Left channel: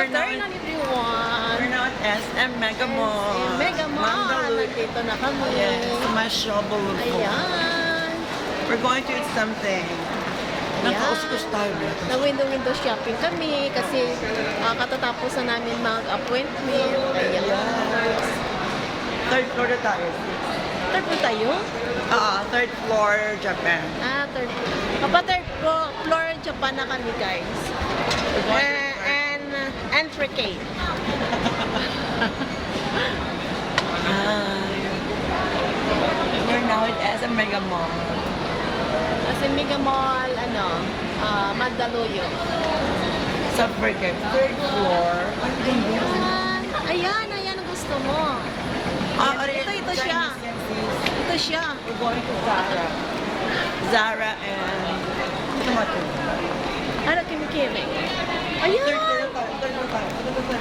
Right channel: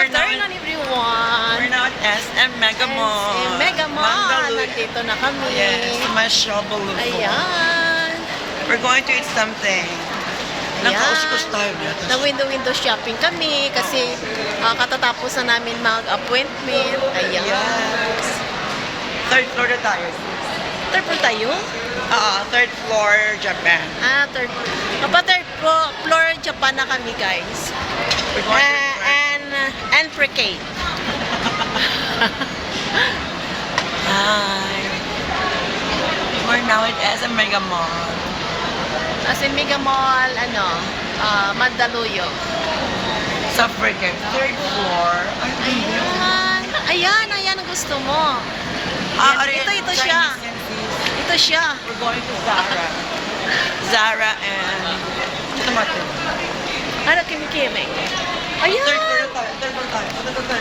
Afternoon everyone. We're now at SM Mega Mall. SM Mega Mall. Nandito na kami. Yes, Mashable. Ayan. We're going to eat something. Nakauskus tayo. Na window shopping kami kasi katatapos na namin mag-appointment. Ayan. Yes. Third floor na tayo. Third floor tayo? Third floor, Japan. Third floor Japan na kami, guys. We're going to And fricate. Hi. We're now at SM Mega Mall. Kasi Mega Mall, Mandaluyong. Sa freaking third floor. Ayan ang gusto mo. Ito siya. Ito siya. We're going to Zara. Zara and Ito Martin. Ano, Kimi-Kimi? Ayan! Third floor tayo. Third floor tayo. Third floor.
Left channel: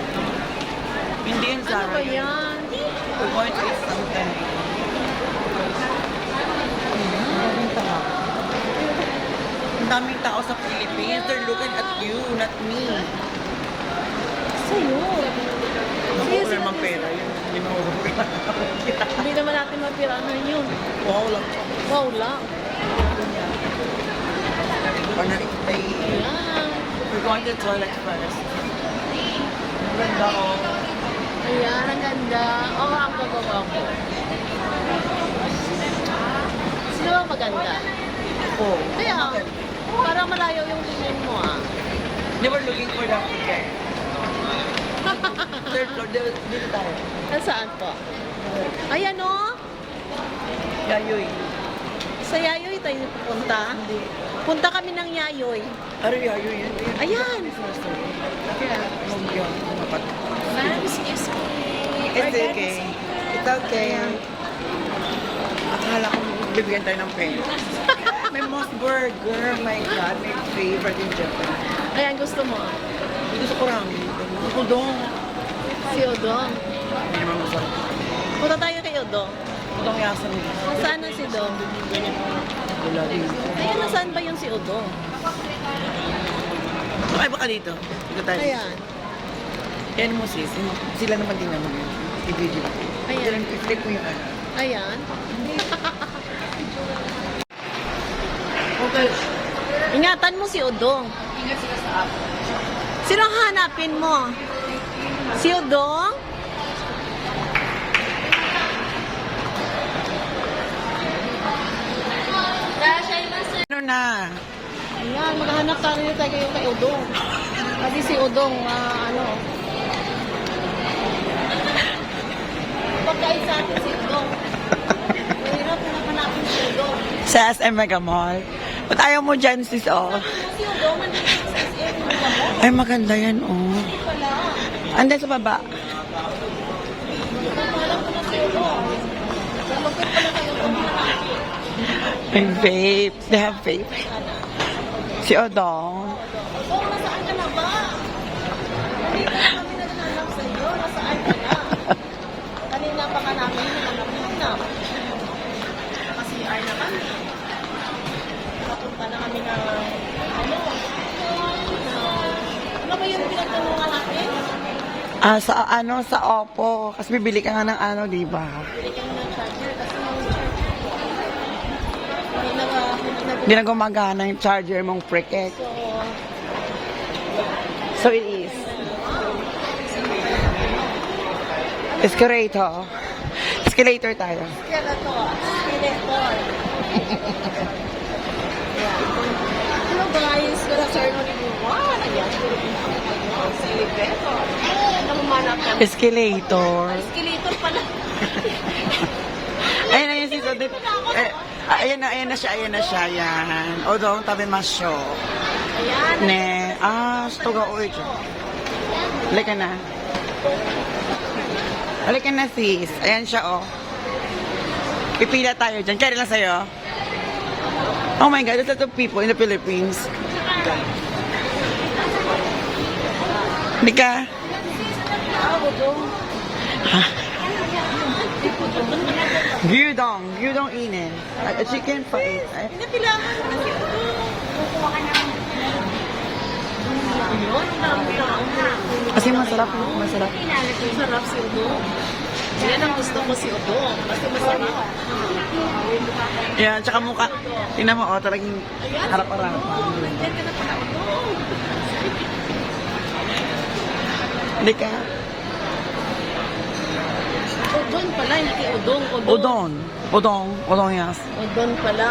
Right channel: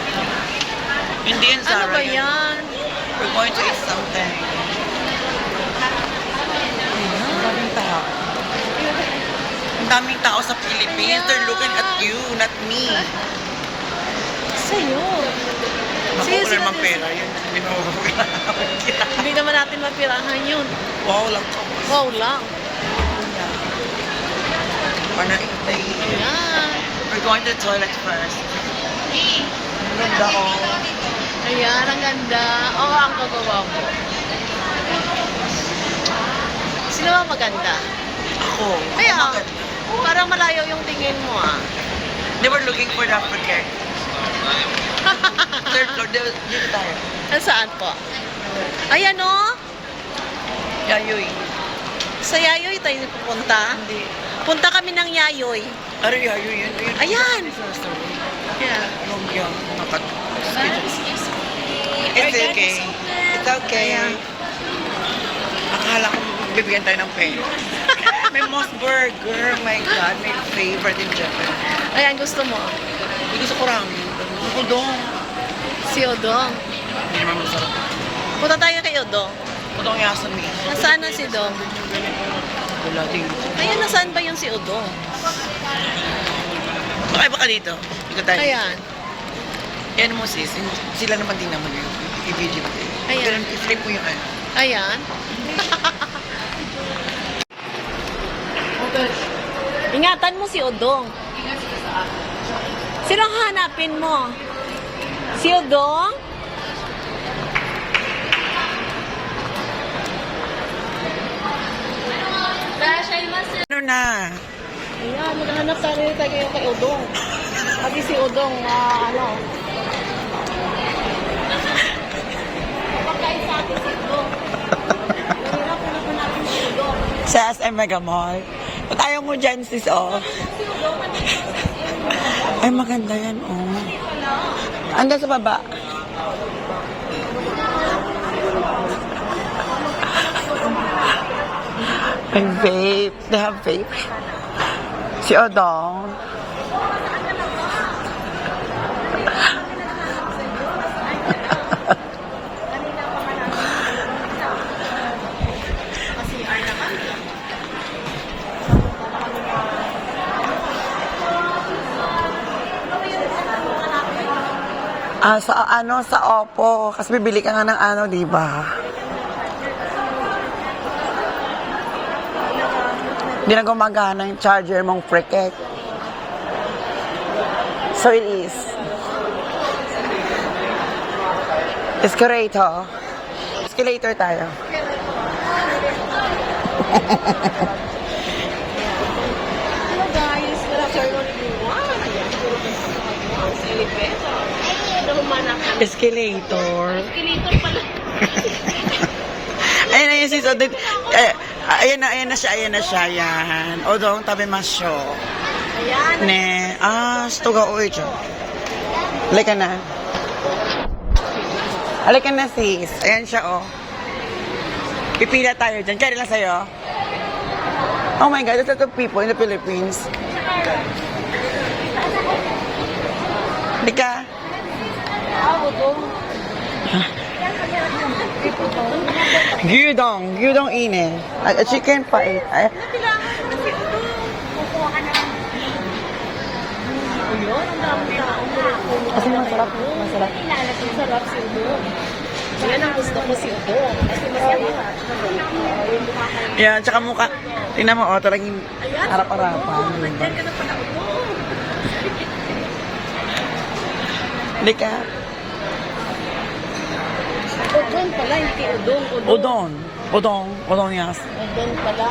Hindi yan Zara. Ano ba yan? We're going to eat something. Ang daming tao. Ang daming tao sa Philippines. They're looking at you, not me. Sa'yo. Naku, wala naman pera yun. Hindi naman natin mapirahan yun. Wow lang. Wow lang. Panalitay. Ayan. We're going to the toilet first. Ang ganda ko. Ayan, ang ganda. Oo, ang gagawa ko. Sino ba maganda? Ako. Kaya, Ako maganda. parang malayo yung tingin mo They were looking for the forget. Third floor. Dito tayo. Saan po? Ayan o. Yayoy. Sa Yayoy tayo pupunta. Hindi. Punta kami ng Yayoy. Ano yayoy yun? Ayan. Yeah. Huwag yan. It's okay. It's okay. Akala ko bibigyan tayo ng pera. May Moss Burger. My God, my favorite in Japan. Ayan, gusto mo. Gusto ko ramen. Gusto ko dong. Si Odong. Hindi naman masarap. Punta tayo kay Odong. Udong yasan niya. Nasaan na si Dong? Wala din. Ayan, nasaan ba yung si Odong? Bakit baka dito? Dito tayo. Ayan. Yan mo sis. Sila naman din naman yun. I-video natin. Ayan. I-flip mo yung ano. Ayan. Ingatan mo si Odong. Sinong hanapin mo? Si Odong? Ano na? Ayan, maghanap tayo kay Odong. Kasi si Odong, pagkain sa atin si Odong. Nahirapan naman natin si Odong. Sa SM Mega Mall. Ba't ayaw mo dyan sis oh? Si Odong, nandito sa SM. Ay maganda yan oh. Andan sa baba. May vape. They have vape. Si Odong. Kanina pa ka namin. Kasi ay na kami. Punta na kami na. Ano ba yung pinagtanungan natin? Sa Oppo. Kasi bibili ka nga ng di ba? Hindi na gumagana yung charger mong Cricket. So it is. Escalator. Escalator tayo. Hello guys, good afternoon everyone. Ayan, sa elevator. Lumanak kami. Escalator. Escalator pala. Ayan na yung sis. Ayan na siya. Ayan. Odong tabi masyo. Ayan. Ne. Stuga uwi dyan. Halika na. Halika na sis. Ayan siya oh. Pipila tayo dyan. Kaya lang sa'yo. Oh my God, there's a lot of people in the Philippines. Hindi ka? Gyudong ine. A chicken pie. Napilangan mo na si Odong. Kukuha ka na. Ayun, ang dami taong puno. Kasi masarap. Masarap. Sarap si Udong. Yan ang gusto ko si Udong. Kasi masarap. Yan, tsaka mukha. Tingnan mo, oh, talagang Ayan, harap-harapan. nandiyan ka na pala, Udong. Hindi ka. Udong pala, hindi Udong. Udon. Udong. Udong, yes. Udong pala.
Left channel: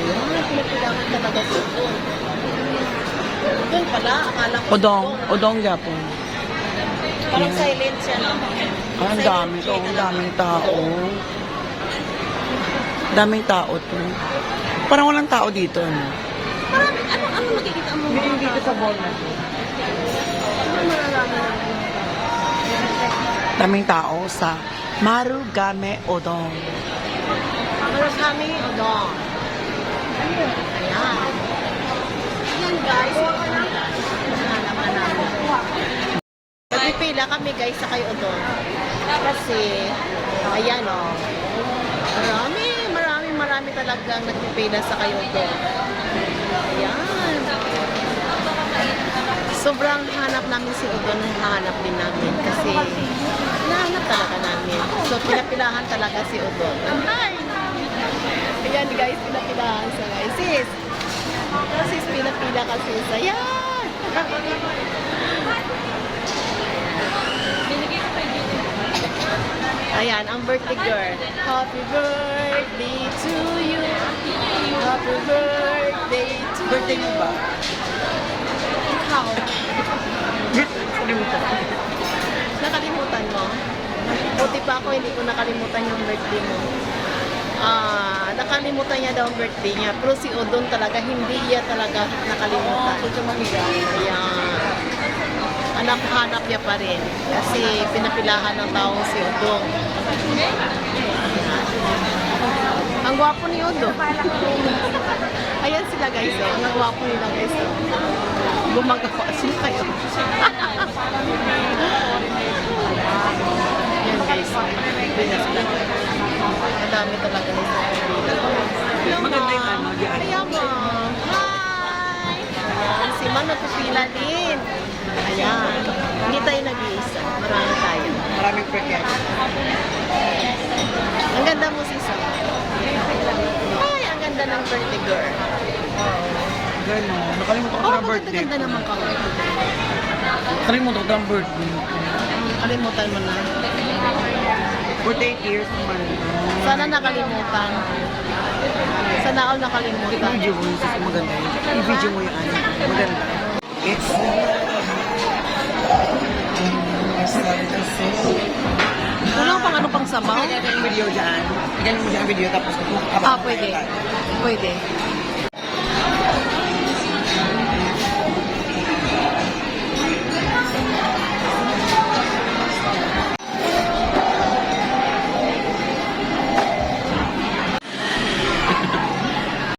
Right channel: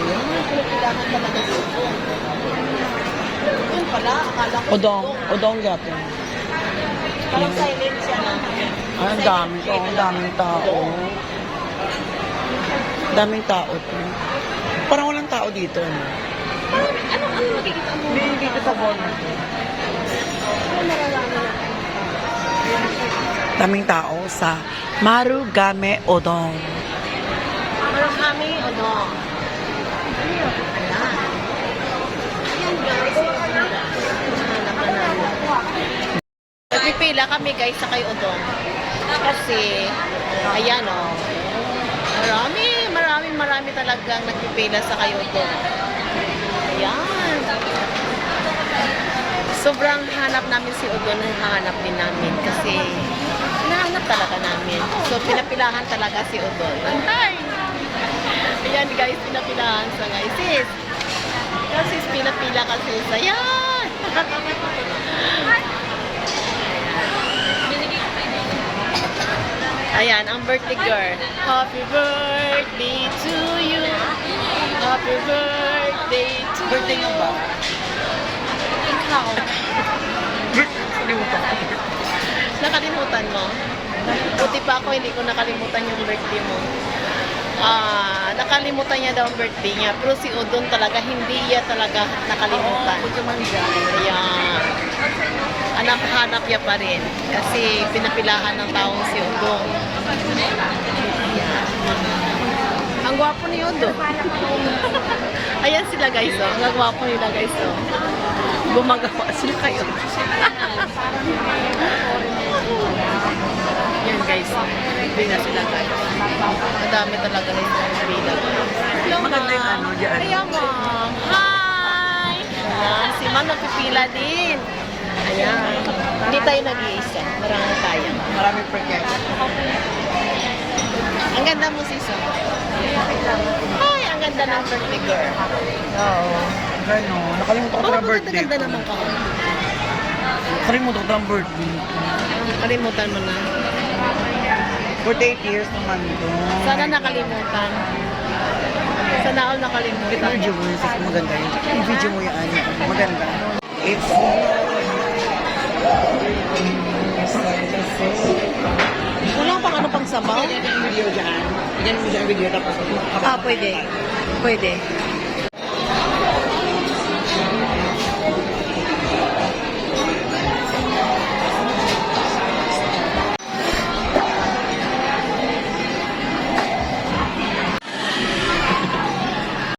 Ayan, pinapilahan talaga si Udong. Udong pala, akala ko. Udong. Udong, Japon. Parang silent siya na. Ay, ang dami to. Ang daming tao. Daming tao to. Parang walang tao dito. No? Parang, ano makikita mo? Hindi dito sa Bono. Ano mararami na? Daming tao sa Marugame Odong. Marami Udong. Ayan. Ayan guys. Nagpipila kami guys sa kay Udong. Kasi, ayan o. Marami talagang nagpipila sa kay Udong. Ayan. Sobrang hanap namin si Udong, hahanap din namin. Kasi, hinahanap talaga namin. So, pinapilahan talaga si Udong. Hi! Ayan guys, pinapilahan sa guys. Sis! Ikaw sis, pinapila ka sis. Ayan! Ayan, ang birthday girl. Happy birthday to you. Happy birthday to Birthday you. mo ba? Ikaw. Kalimutan. Nakalimutan mo? Buti pa ako, hindi ko nakalimutan yung birthday mo. Nakalimutan niya daw ang birthday niya. Pero si Udong talaga, hindi niya talaga nakalimutan. Ayan. Hanap niya pa rin. Kasi pinapilahan ng tao si Udong. Ayan. Ang gwapo ni Udong. Ayan sila guys. Oh. Ang gwapo nila guys. Oh. Gumagawa sila kayo. Yan guys. Hindi na sila guys. Madami talaga guys. Hello, Maganda yung ma'am. ano dyan. Ayan, ma'am. Hi! Ayan, si ma'am nagpipila din. Ayan. Hindi tayo nag-iisa. Marami tayo. Maraming pagkain. Ang ganda mo, Sisa. Hi, ang ganda ng birthday girl. Oo. Gano'n. Nakalimutan ko Oo, na birthday. ganda naman ka. Nakalimutan ko na birthday. Kalimutan mo na. 48 years naman ito. Sana nakalimutan. Sana all nakalimutan. I-video mo yun, sis. Maganda yun. I-video mo yung ano. Maganda. It's... Wala pang ano pang sabaw? Video dyan. Ganyan mo dyan video tapos... Pwede. Pwede.